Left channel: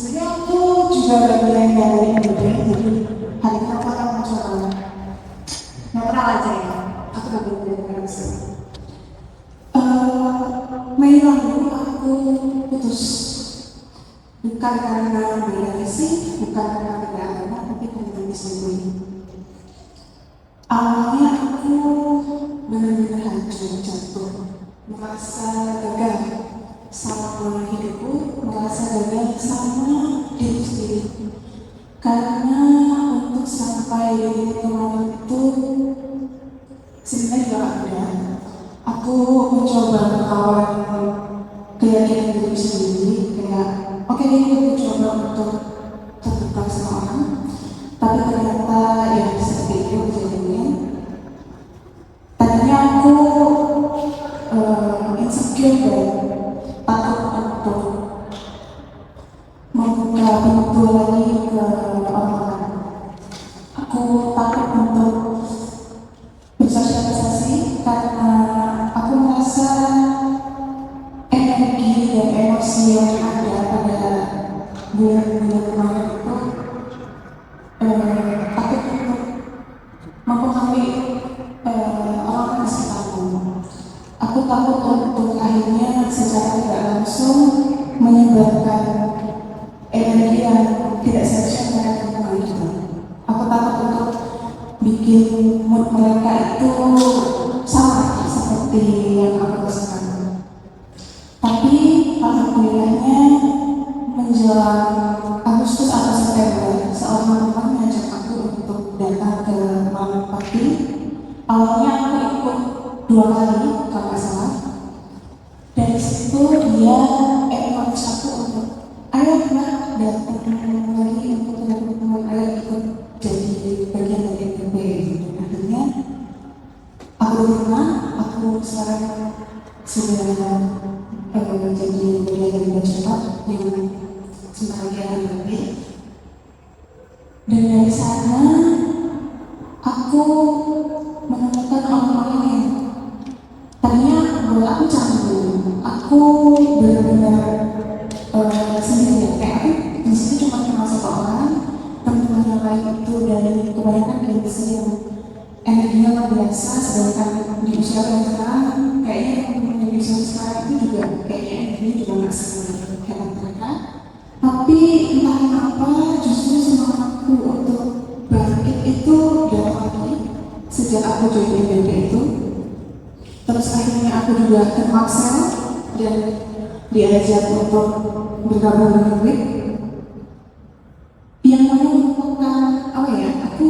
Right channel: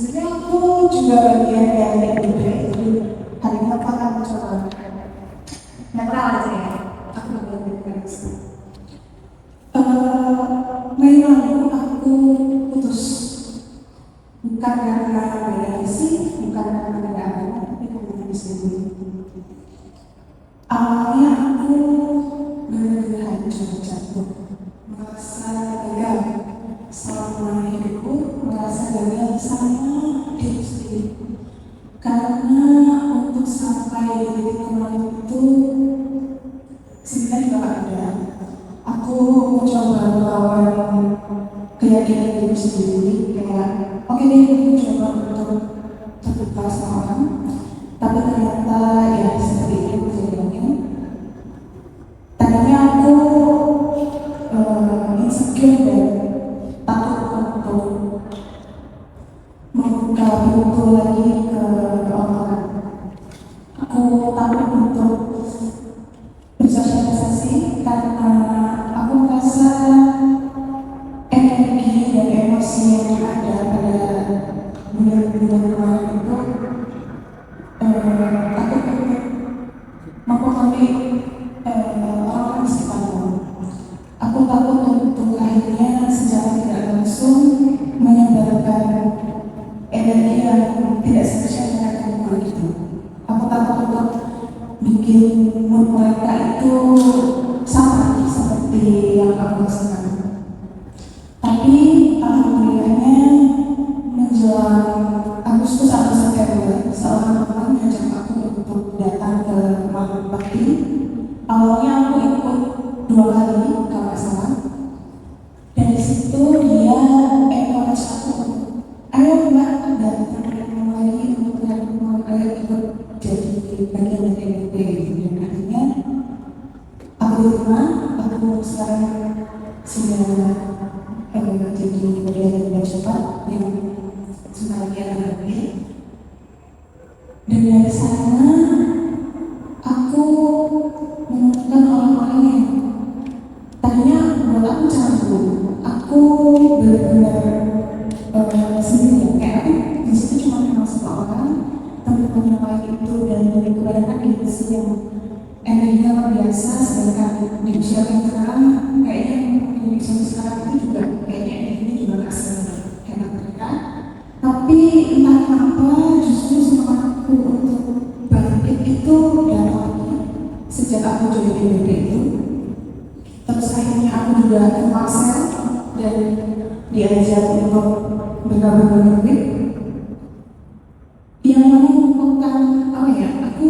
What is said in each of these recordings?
Sebenarnya aku juga bagian dari MBB, jadi hari ini aku akan mencoba netral aja ya. Aku bagian dari reaksi. Mei lalu aku putus, bukan karena beda visi, bukan karena beda agama, tapi karena diselingkuhi. Awalnya aku benar-benar hancur, jatuh, merasa gagal sama hidupku, merasa gagal sama diri sendiri. Karena untuk sampai di titik kemarin itu sebenarnya gak ada. Aku mencoba melawan keyakinan diri sendiri, kayak oke nih aku coba untuk terbuka sama orang, tapi ternyata ya seperti itu kejadiannya. Tadinya aku insecure dan takut untuk membuka pintu lagi ke orang. Aku takut untuk bersosialisasi karena aku merasa energi dan emosi yang ada pada bulan-bulan kemarin itu takut untuk mempengaruhi orang-orang di sekitarku. Aku takut untuk akhirnya secara tidak langsung menyebarkan energi yang tidak seharusnya mereka terima itu. Aku takut untuk bikin mood mereka itu sama seperti yang aku rasakan. Tapi alhamdulillahnya menjelang Agustus atau September, seorang teman ngajak aku untuk datang ke Malang Pati. Awalnya aku ikut 2 kali, kalau nggak salah. Dari situ dia encourage aku untuk ayo mbak datang lagi untuk mulai ikut jadi bagian dari MBB. Dan akhirnya aku terima, aku sekarang sudah jadi bagian dari cepat yang sebentar lagi MBB. Dan dari sana aku menemukan orang-orang yang tadinya menurut aku canggung. Aku benar-benar sendirian, kayak aku di situ cuma kenal satu orang, teman-teman yang lain itu dari kebanyakan di usia yang energinya luar biasa, sedangkan di usia yang sekarang kayaknya yang di usia sekarang itu juga kayaknya energinya juga nggak sehebat mereka. Tapi entah kenapa justru semangatku untuk bangkit itu datang lagi sejak aku join MBB itu. Terus akhirnya aku juga kenal Sel dan diajak untuk bergabung dengan MBB. Yang menemukan aku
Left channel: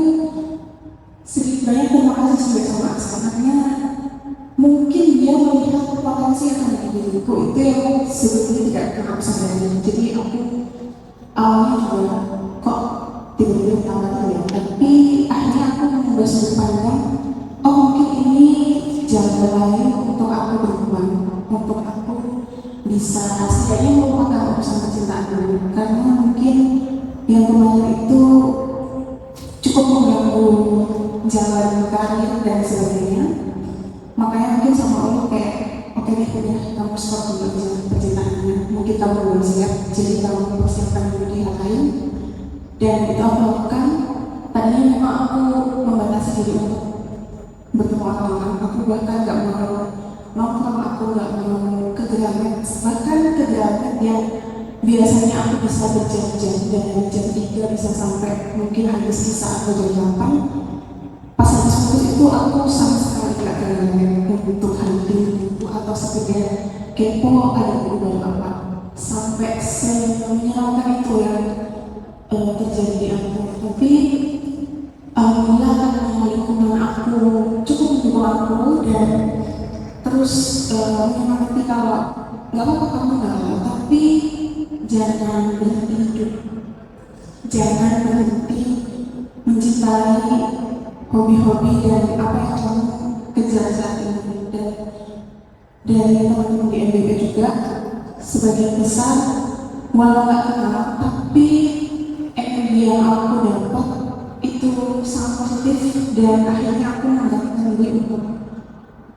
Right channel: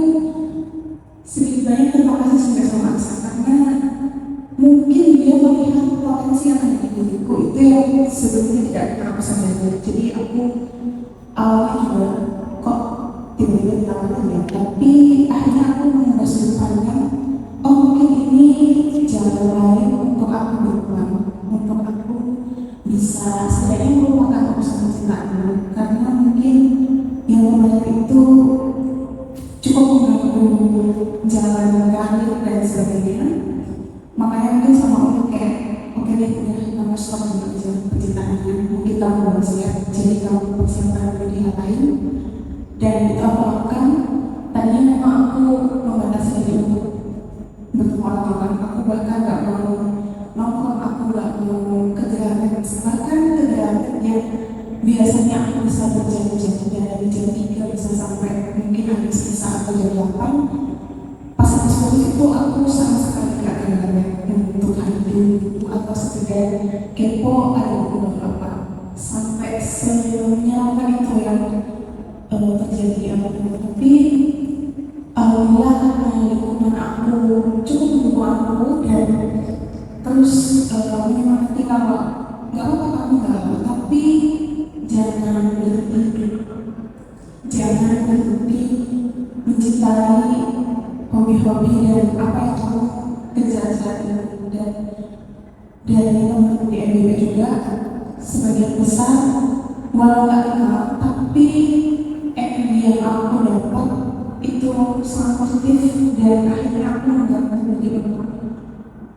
sedikit banyak terima kasih sudah sama Axel, karena mungkin dia melihat potensi yang ada di diriku itu yang sebelumnya tidak pernah aku sadari. Jadi aku awalnya juga kok tiba-tiba ditawarin ya, tapi akhirnya aku mengubah sudut pandang. Oh mungkin ini jalan lain untuk aku berkembang, untuk aku bisa setidaknya melupakan aku sama cinta dulu, karena mungkin yang kemarin itu cukup mengganggu jalan karir dan sebagainya. Makanya mungkin sama Allah kayak oke deh udah kamu stop dulu jalan percintaannya, mungkin kamu belum siap, jadi kamu persiapkan dulu di hal lain. Dan itu aku lakukan. Tadinya memang aku membatasi diri untuk bertemu orang-orang, aku bahkan gak mau nongkrong, aku gak mau ke Gramet, bahkan ke Gramet yang biasanya aku bisa berjam-jam dari jam 3 bisa sampai mungkin habis sisa atau jam 8. Pas habis putus itu aku sama sekali gak ke Gramet untuk hadir atau sekedar kepo ada baru apa. Sampai sebelumnya kan itu yang terjadi aku. Tapi alhamdulillah karena lingkungan aku cukup mendukung aku dan terus menyemangati kalau nggak apa-apa kamu nggak apa, tapi jangan berhenti hidup, jangan berhenti mencintai hobi-hobi dan apa yang kamu kejar saat ini. Dan dari teman-teman di MBB juga sebagian besar walau nggak kenal, tapi energi yang aku dapat itu sangat positif dan akhirnya aku menganggap diri untuk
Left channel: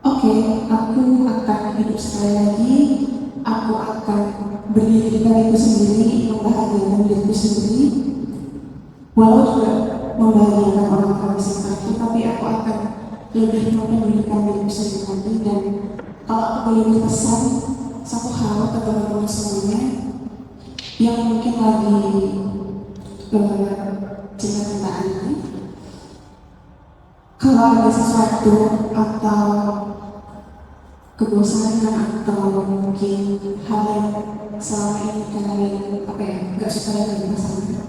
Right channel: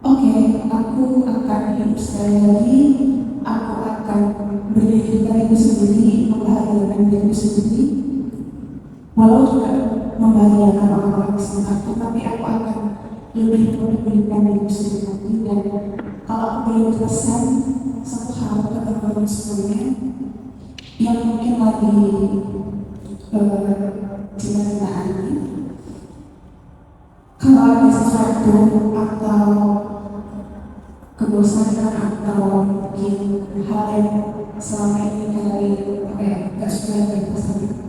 oke, aku akan hidup sekali lagi, aku akan berdirikan itu sendiri, membahagiakan diriku sendiri, walau juga membahagiakan orang-orang di sekitarku, tapi aku akan lebih mempedulikan diriku sendiri lagi. Dan kalau aku boleh berpesan satu hal ke teman-teman semuanya yang mungkin lagi cinta-cintaan ini, kalau ada sesuatu atau kebosanan atau mungkin hal yang selama ini kalian gak suka dari pasangan,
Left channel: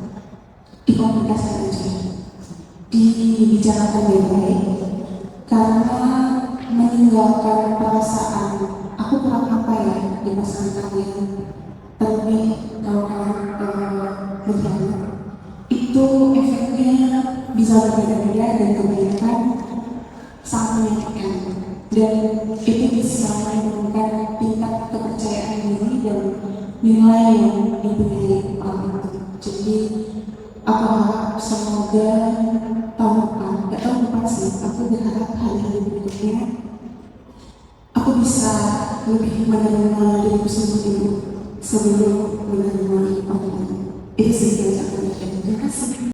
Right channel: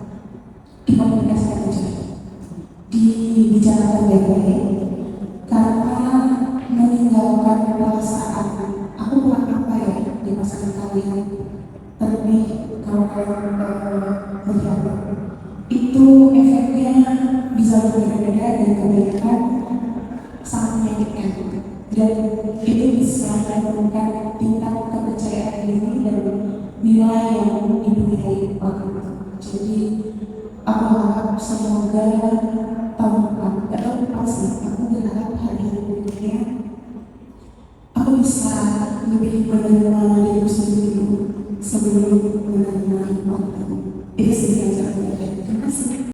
dikomunikasikan aja, dibicarakan baik-baik, karena meninggalkan perasaan aku kurang apa ya di pasangan kalian, terlebih kalau kalian berjalan, itu efeknya bisa berbeda-beda dan kebanyakan sangat menyakitkan, dan itu bisa menurunkan tingkat kepercayaan diri dan nilai yang dipunyai orang itu. Jadi aku harap semoga tahun depan, gak tahu depan sih, aku berharap hari berikutnya aku bisa lebih menerima diriku sendiri sebelum menerima orang itu. Itu sih yang saya. Terima kasih.